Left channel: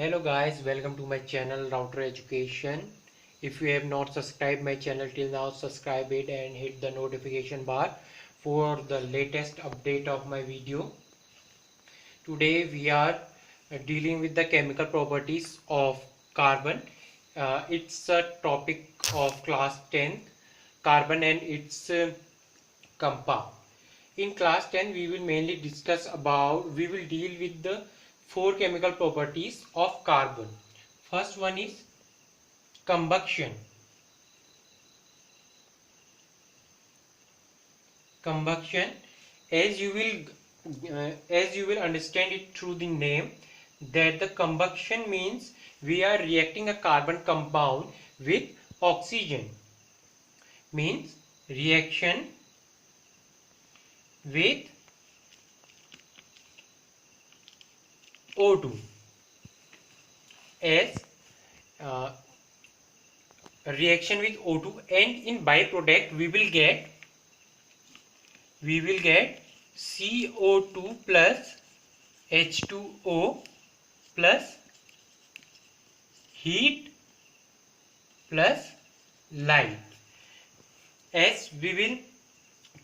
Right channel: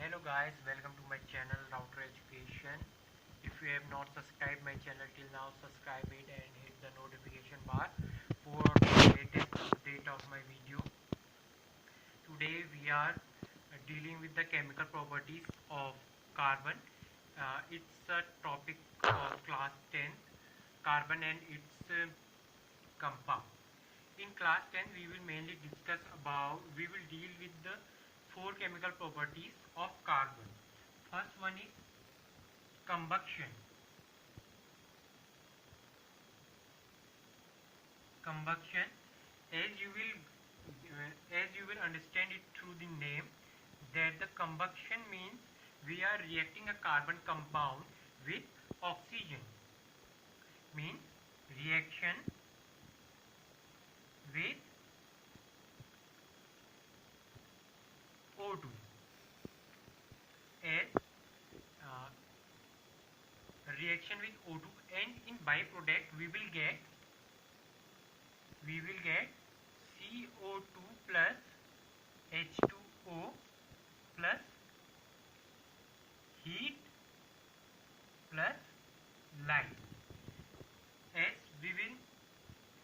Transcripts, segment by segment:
Hello guys, welcome to my channel Router Education. If you have not subscribed my channel till now, subscribe it and hit the notification bar for the latest update of my video. Today we are dealing with the chemical properties of carbon. It's a topic of class 10th, carbon and its compound. In class 10 we will mainly we will deal with the four chemical properties of carbon. First one is combustion. Combustion, as you will understand it through the name, that the combustion means we are reacting a carbon compound with oxygen. Means reaction with O2 as reaction with O2, and in byproduct we will get CO2 plus H2O plus heat plus light. As we will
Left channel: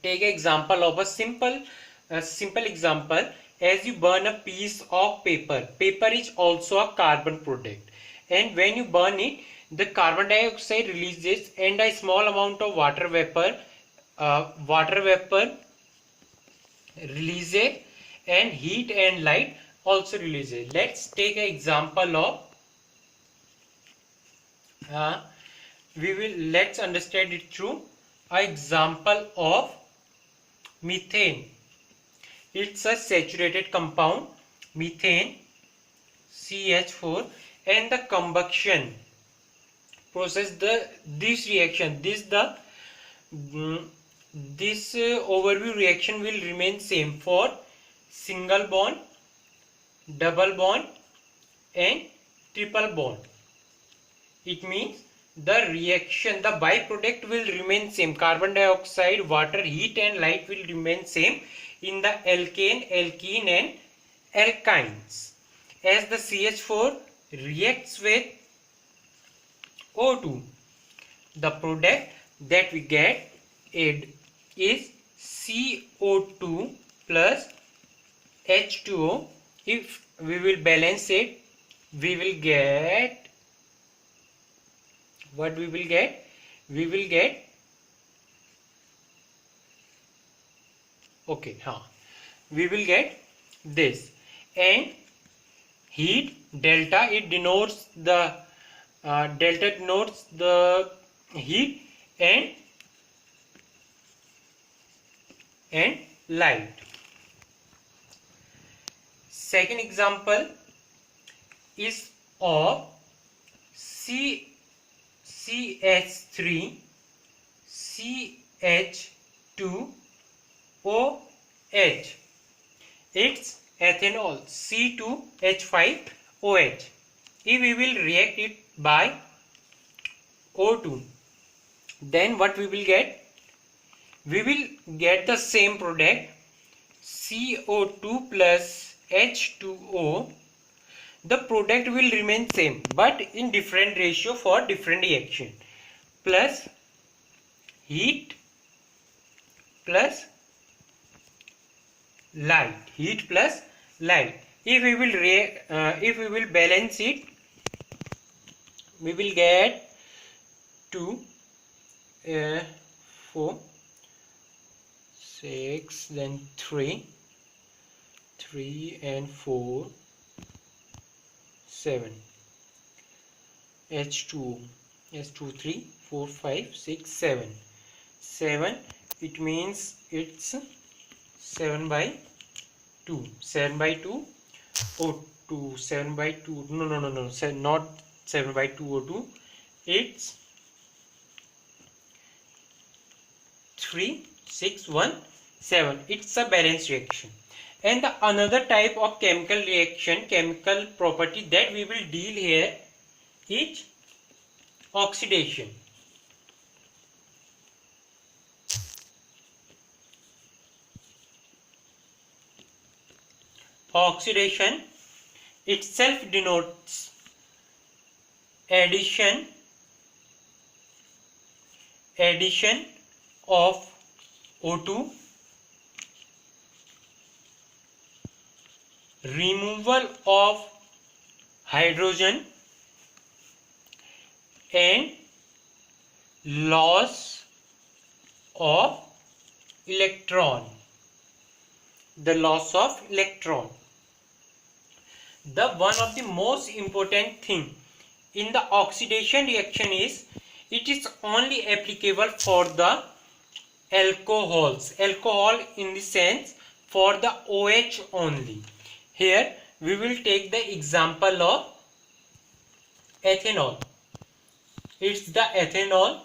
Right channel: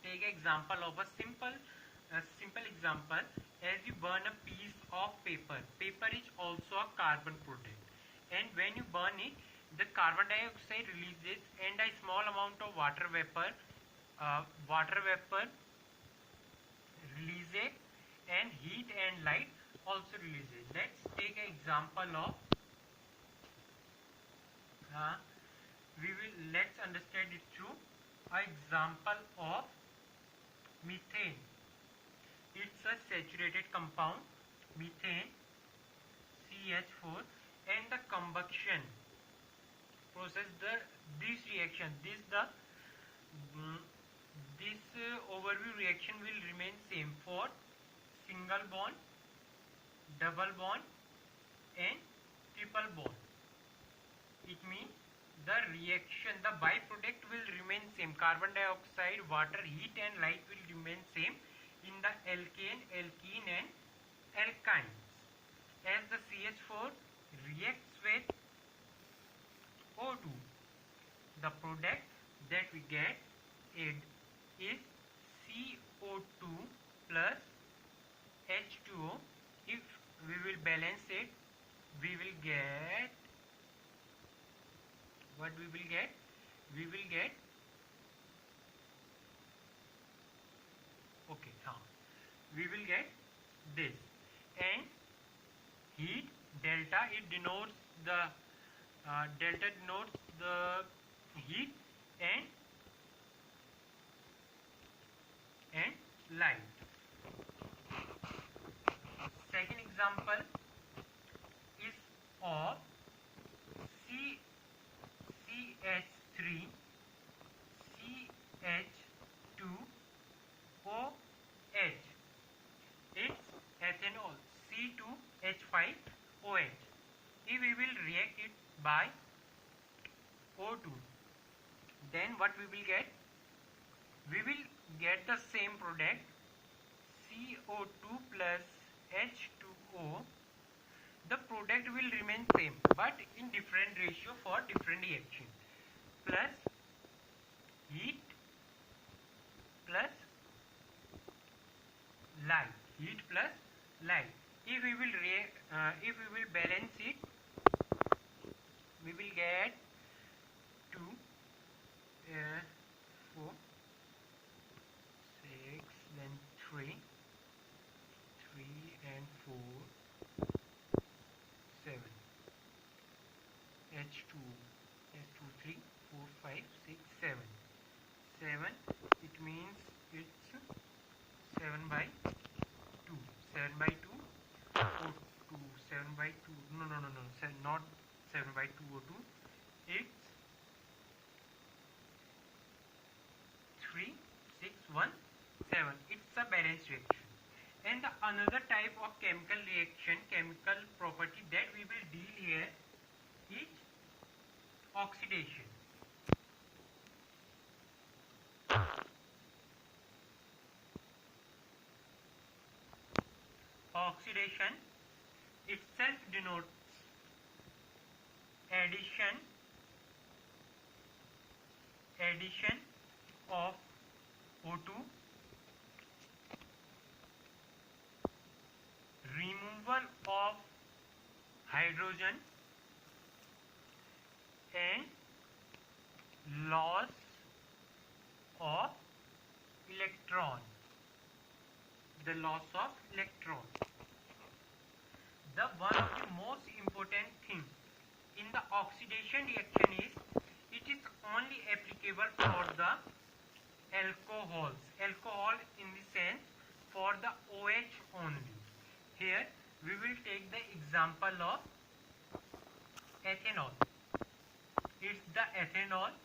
take an example of a simple example. As you burn a piece of paper is also a carbon product, and when you burn it, the carbon dioxide releases and a small amount of water vapor releases, and heat and light also releases. Let's take an example of let's understand it through an example of methane. It's a saturated compound, methane, CH4, and the combustion process, this reaction, this overview reaction will remain same for single bond, double bond, and triple bond. It means the reaction, the byproduct will remain same. Carbon dioxide, water, heat and light will remain same in the alkane, alkene and alkynes. As the CH4 reacts with O2, the product that we get is CO2 plus H2O. If we will balance it, we will get what we will get? We will get we will get this. And heat, delta, it denotes the heat and light. Second example is of CH3 CH2OH. It's ethanol, C2H5OH. If we will react it by O2, then what we will get? We will get the same product, CO2 plus H2O. The product will remain same but in different ratio for different reaction, plus heat plus light, heat plus light. If we will balance it, we will get 2 4 6, then 3 and 4 7, H2O, S2 3 4 5 6 7, it means it's 7 by 2 O2, 7 by 2, no, not 7 by 2 O2, it's 3 6 1 7. It's a balanced reaction. And the another type of chemical reaction, chemical property that we will deal here is oxidation. Oxidation itself denotes addition of O2, removal of hydrogen, and loss of electron. The loss of electron. The one of the most important thing in the oxidation reaction is it is only applicable for the alcohols. Alcohol in the sense for the OH only. Here we will take the example of ethanol. It's the ethanol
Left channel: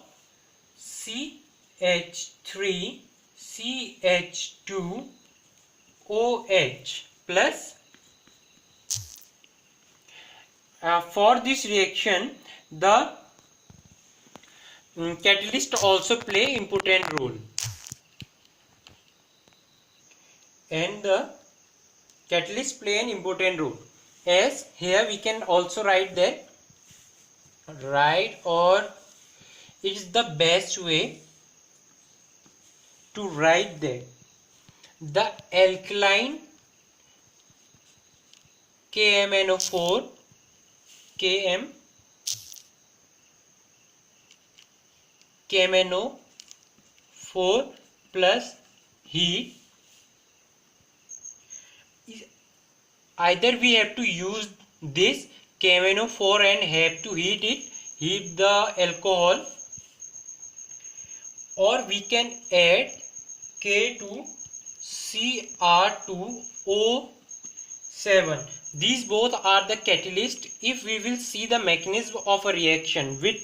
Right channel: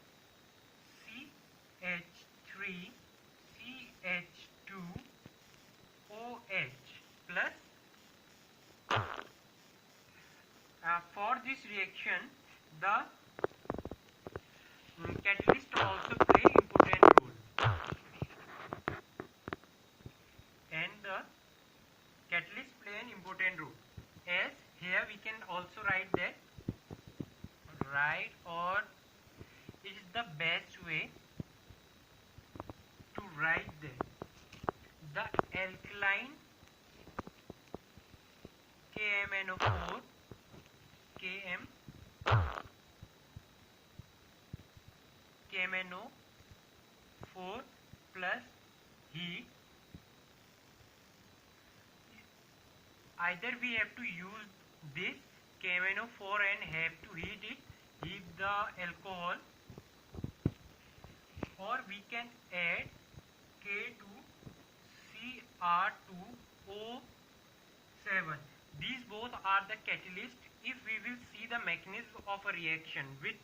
CH3CH2OH plus. For this reaction, the catalyst also play important role, and the catalyst play an important role. As here we can also write that, or it is the best way to write that the alkaline KMNO4 plus heat. Either we have to use this KMNO4 and have to heat the alcohol, or we can add K2Cr2O7. These both are the catalyst. If we will see the mechanism of a reaction with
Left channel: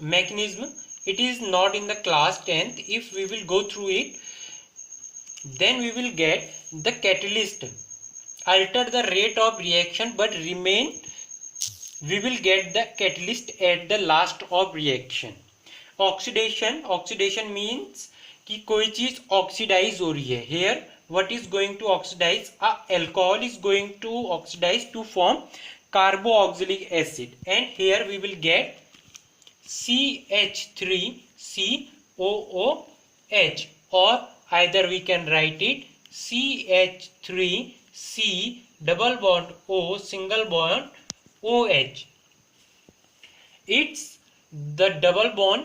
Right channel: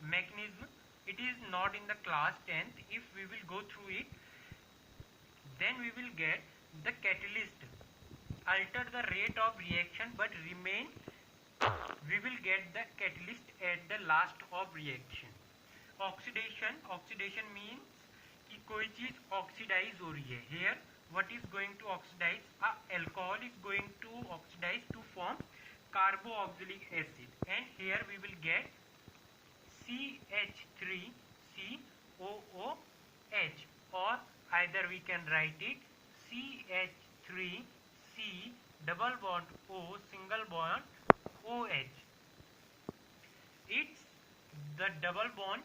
mechanism, it is not in the class 10th. If we will go through it, then we will get the catalyst alter the rate of reaction, but remain we will get the catalyst at the last of reaction. Oxidation means कि कोई चीज oxidise हो रही है. Here what is going to oxidize? Alcohol is going to oxidize to form carboxylic acid, and here we will get CH3COOH, or either we can write it CH3C double bond O single bond OH. It's the double bond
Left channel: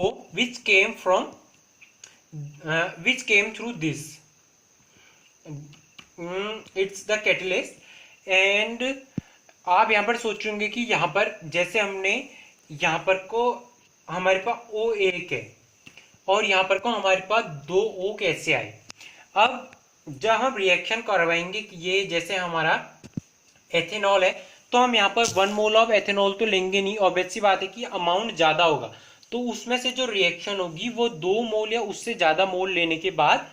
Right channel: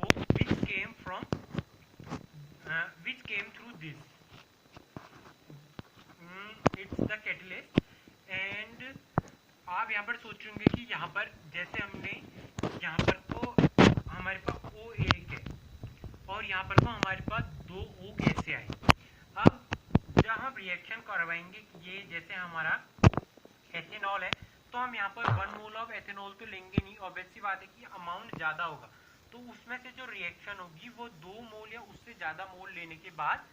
O which came through this. It's the catalyst. And आप यहाँ पर सोचेंगे कि यहाँ पर जैसे हमने यहाँ पर को हमारे पास O1 है और यहाँ पर को हमारे पास 2 O कैसे आए. अब जब हम रिएक्शन करवाएंगे कि ये जैसे हमारा एथेनॉल है, तो हम यहाँ पर 1 मोल ऑफ एथेनॉल तो लेंगे नहीं. ऑब्वियस सी बात है कि अमाउंट ज़्यादा होगा, तो उसमें से जो रिएक्शन होगी वो 2 मोल या उससे ज़्यादा मोल लेने के बाद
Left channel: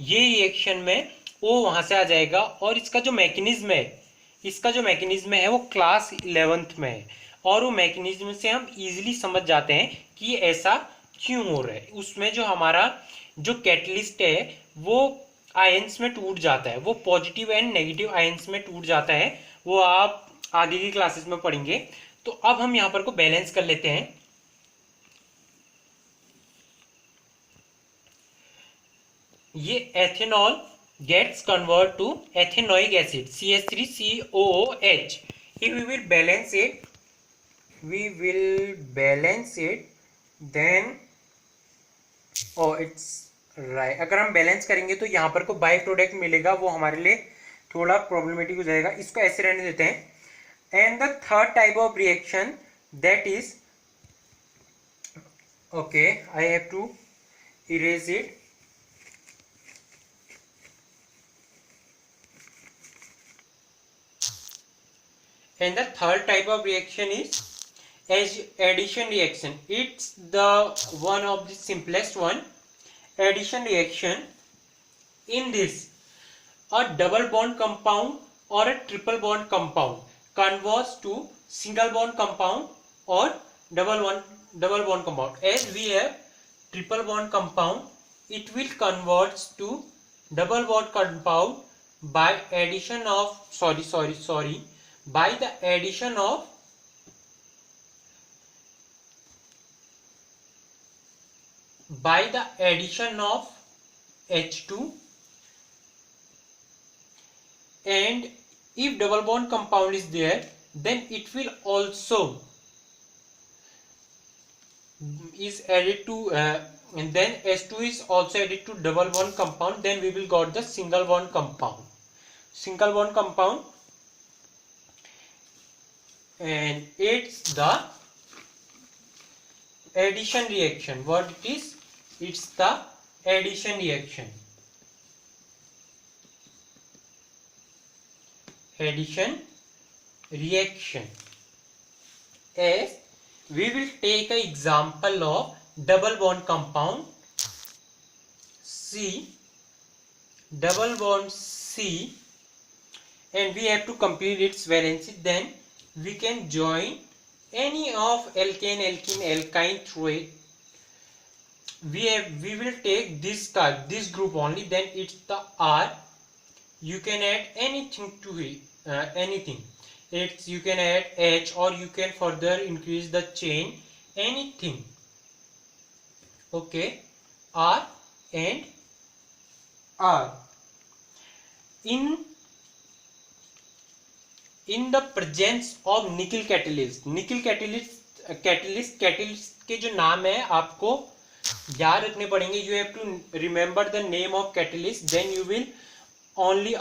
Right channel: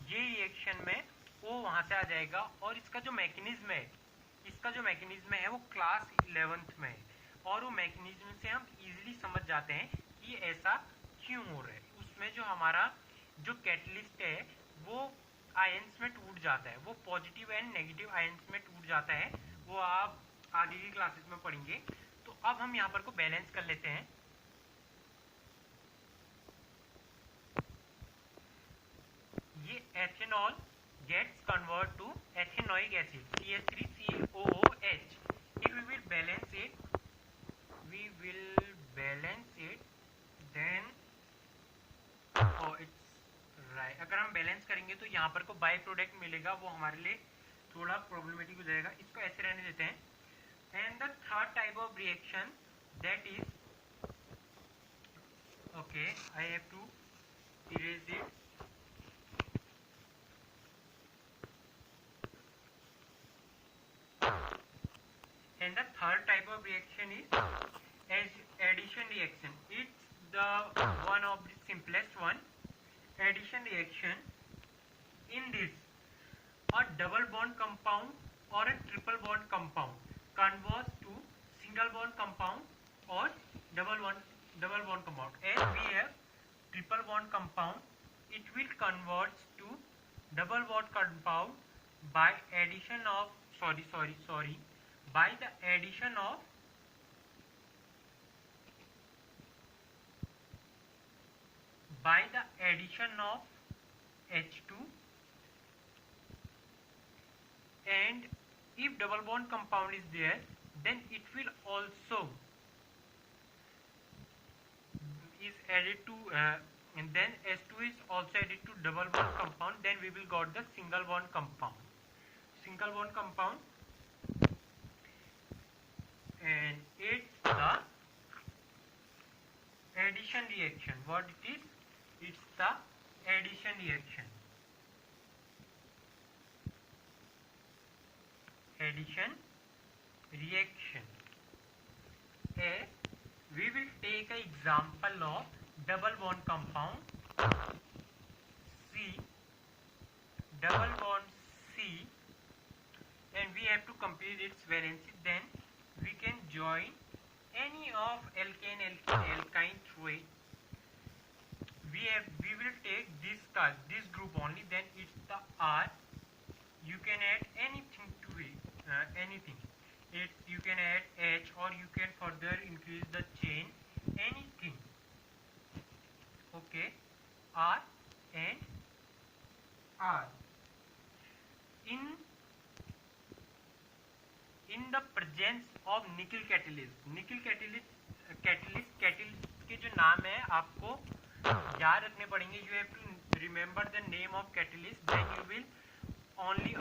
ये रिएक्शन में O वहाँ से आ जाएगा. और इसका जो मैकेनिज्म है वो क्लास 11th में है, और वो मैकेनिज्म से हम इजीली समझ जाते हैं कि ऐसा क्यों हो रहा है. उसमें जो हमारा जो कैटलिस्ट है वो आयंस में टूट जाता है, वो पॉजिटिव एंड नेगेटिव आयंस में टूट जाता है. वो आप आगे की क्लासेस में पढ़ेंगे. तो अब हम यहाँ पर को बैलेंस कर लेते हैं. ये ethanol gets converted to ethanoic acid CH3COOH. If we will balance it, then it's right. अगर हम बैलेंस करेंगे तो यहाँ पर को बाई प्रोडक्ट मिलेगा, वो हमारे लिए थोड़ा प्रॉब्लमेटिक हो जाएगा. इसको ऐसे रहने देते हैं. And the third type of reaction that is, okay, I have to erase it. And the third type of reaction is addition reaction. It's the one of the simplest one. Addition reaction. In this, a double bond compound or a triple bond compound converts to single bond compound or double bond compound. As we have triple bond compound, it will convert to double bond compound by addition of by the addition of H2, and if double bond compound is there, then it will also is added to and then H2 is also added to double bond compound, then we will got the single bond compound. And it's the addition reaction. What it is? It's the addition reaction. As we will take an example of double bond compound C, double bond C, and we have to complete its valency. Then we can join any of alkane, alkene, alkyne through it. We will take this group only, then it's the R. You can add anything to it, anything. You can add H, or you can further increase the chain, anything. Okay, R and R. In the presence of nickel catalyst के जो नाम है आपको याद रखने पड़ेंगे. You have to remember the name of catalyst, then you will only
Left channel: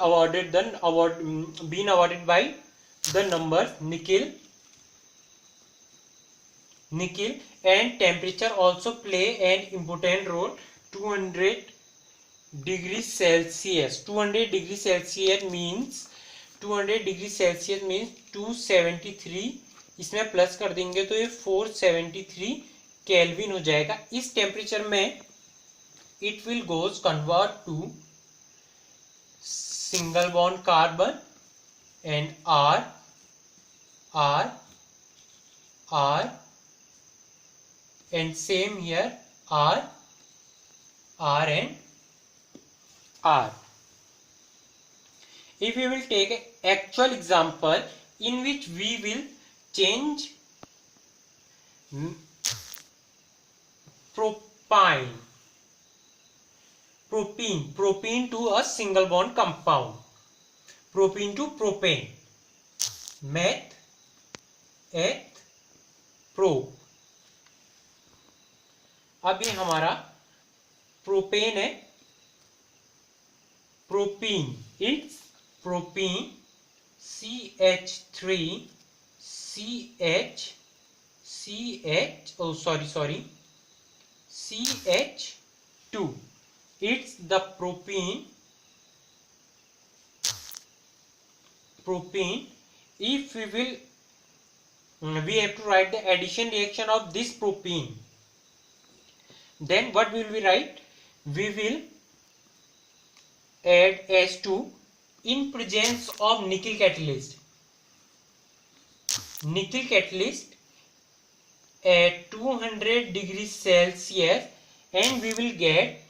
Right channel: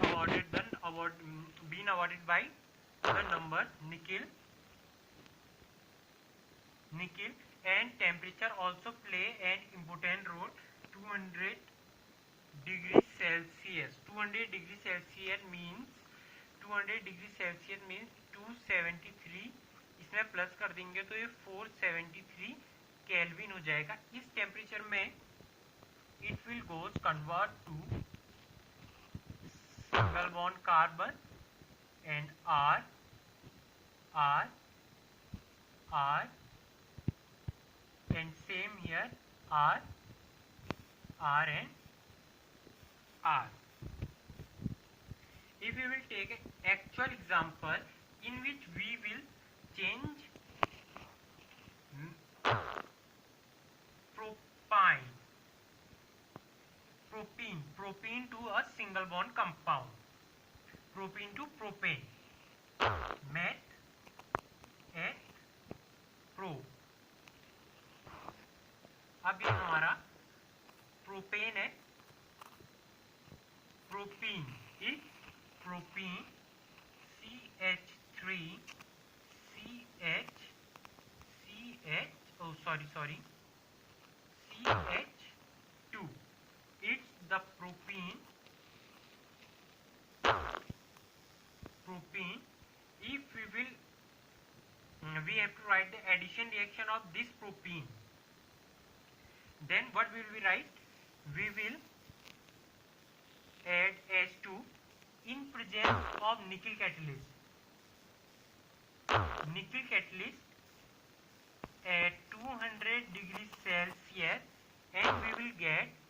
been awarded by the numbers nickel, and temperature also play an important role. 200 degrees Celsius. 200 degrees Celsius means 273. इसमें plus कर देंगे तो ये 473 kelvin हो जाएगा. इस temperature में it will goes convert to single bond carbon and R, and same here R and R. If we will take an actual example in which we will change propene to a single bond compound, propene to propane, meth, eth, pro. अब ये हमारा propane है. Propene, it's propene CH3 CH2. It's the propene. If we have to write the addition reaction of this propene, then what will we write? We will add H2 in presence of nickel catalyst. Nickel catalyst at 200 degrees Celsius, and we will get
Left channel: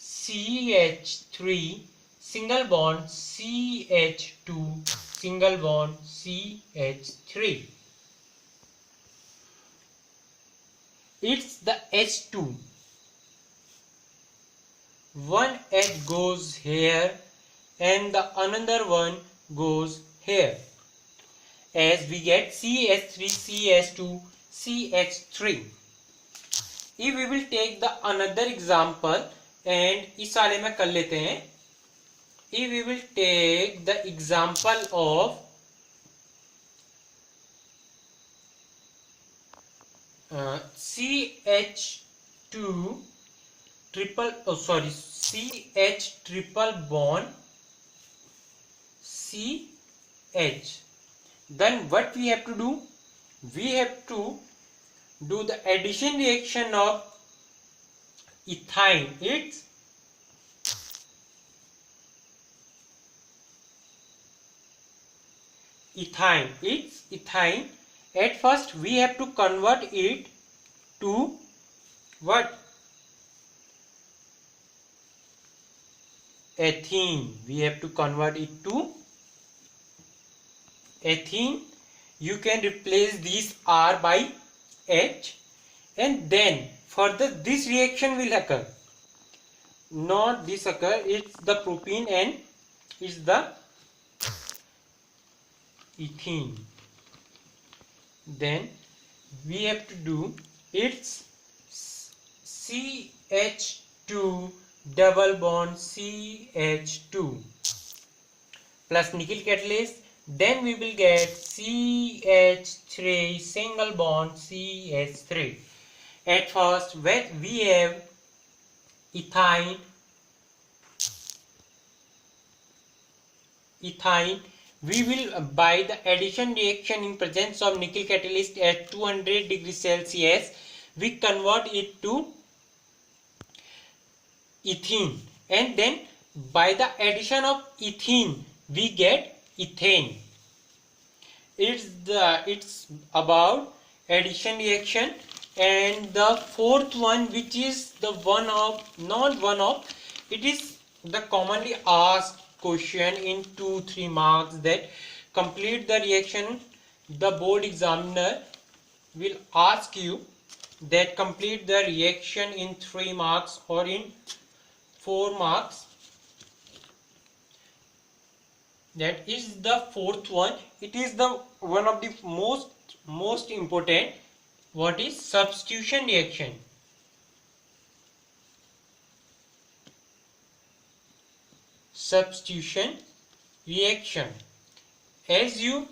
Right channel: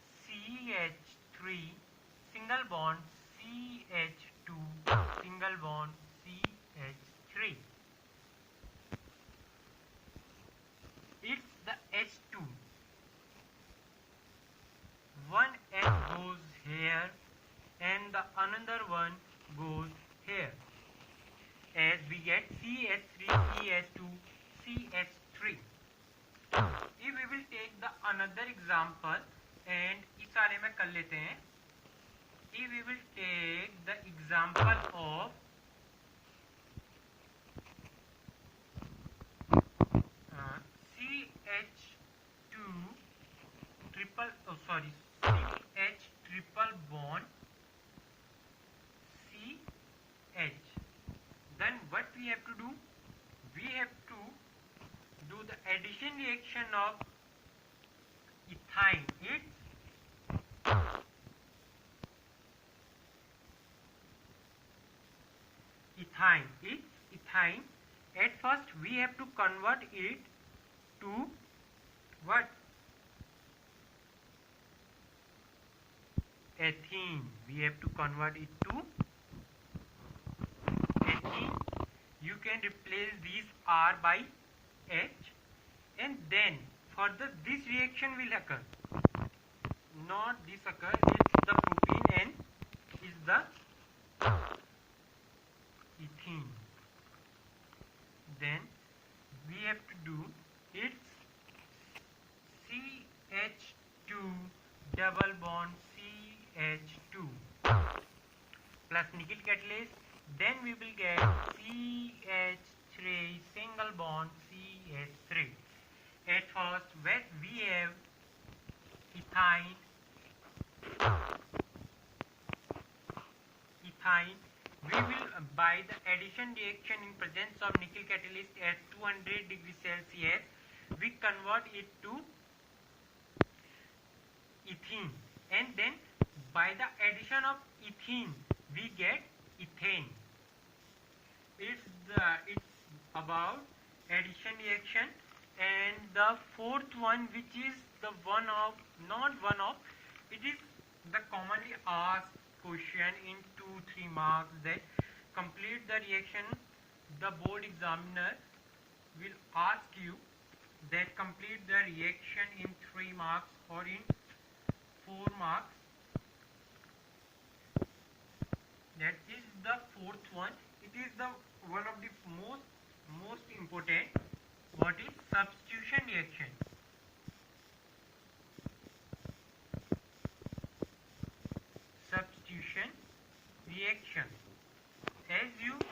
CH3 single bond CH2 single bond CH3. It's the H2. One H goes here and the another one goes here, as we get CH3 CH2 CH3. If we will take the another example, and इस वाले में कर लेते हैं. If we will take the example of CH2 CH triple bond CH, then what we have to do? We have to do the addition reaction of ethyne. It's ethyne. At first we have to convert it to what? ethene. We have to convert it to ethene. You can replace this R by H, and then further this reaction will occur. Not this occur, it's the propene and it's the ethene. Then we have to do it's CH2 double bond CH2 plus nickel catalyst. Then we will get CH3 single bond CH3. At first, when we have ethyne, we will by the addition reaction in presence of nickel catalyst at 200 degrees Celsius, we convert it to ethene, and then by the addition of ethene we get ethane. It's about addition reaction. And the fourth one, which is the it is the commonly asked question in 2-3 marks, that complete the reaction. The board examiner will ask you that complete the reaction in 3 marks or in 4 marks. That is the fourth one. It is the one of the most important. What is substitution reaction? Substitution reaction. As you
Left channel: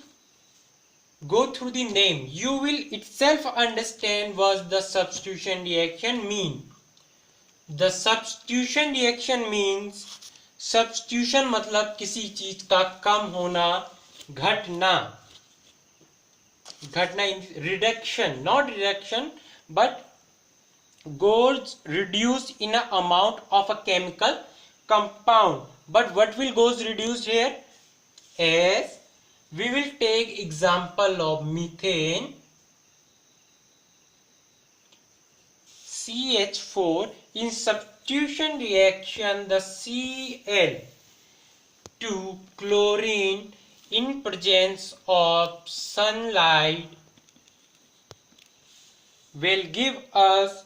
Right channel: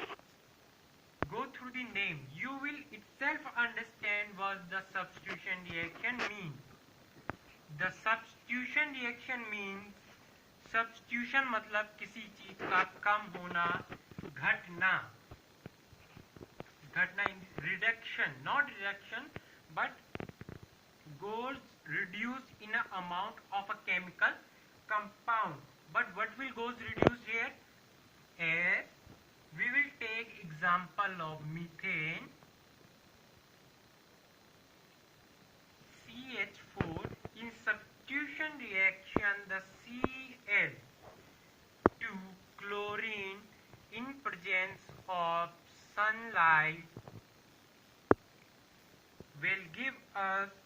go through the name, you will itself understand what the substitution reaction mean. The substitution reaction means, substitution मतलब किसी चीज का कम होना, घटना in reduction, not reduction, but goes reduced in an amount of a chemical compound. But what will goes reduced here? As we will take example of methane, CH4. In substitution reaction, the Cl2 chlorine in presence of sunlight will give us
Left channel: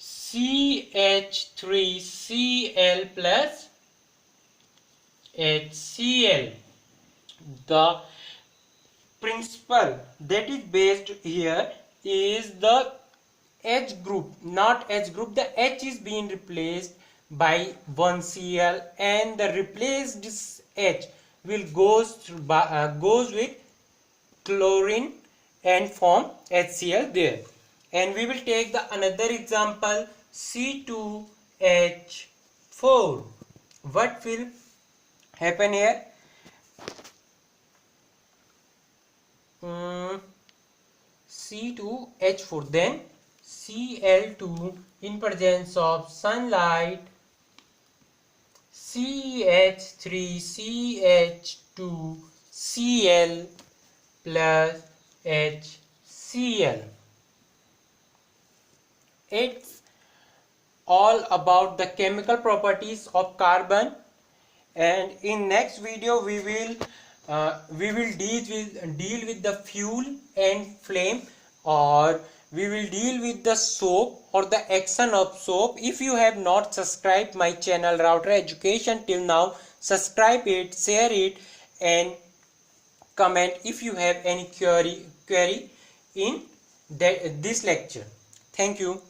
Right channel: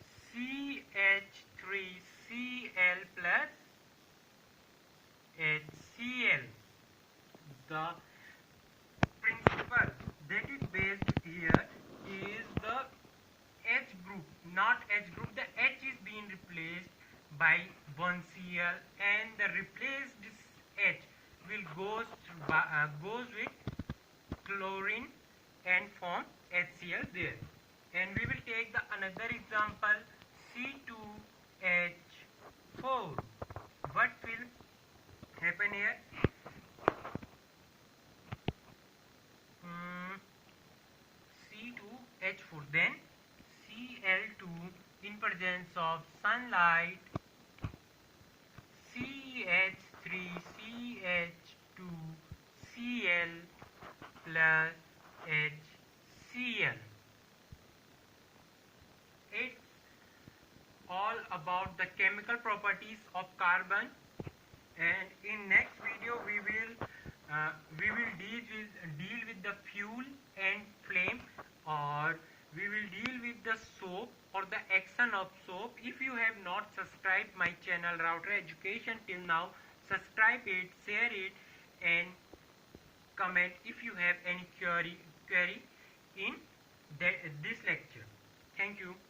CH3Cl plus HCl. The principle that is based here is the H group, not H group. The H is being replaced by 1 Cl, and the replaced H will goes with chlorine and form HCl there. And we will take the another example, C2H4. What will happen here? C2H4, then Cl2 in presence of sunlight, CH3CH2Cl plus HCl. It's all about the chemical properties of carbon, and in next video we will deal with the fuel and flame, or we will deal with the soap or the action of soap. If you have not subscribed my channel Router Education till now, subscribe it, share it, and comment if you have any query in this lecture. Thank you.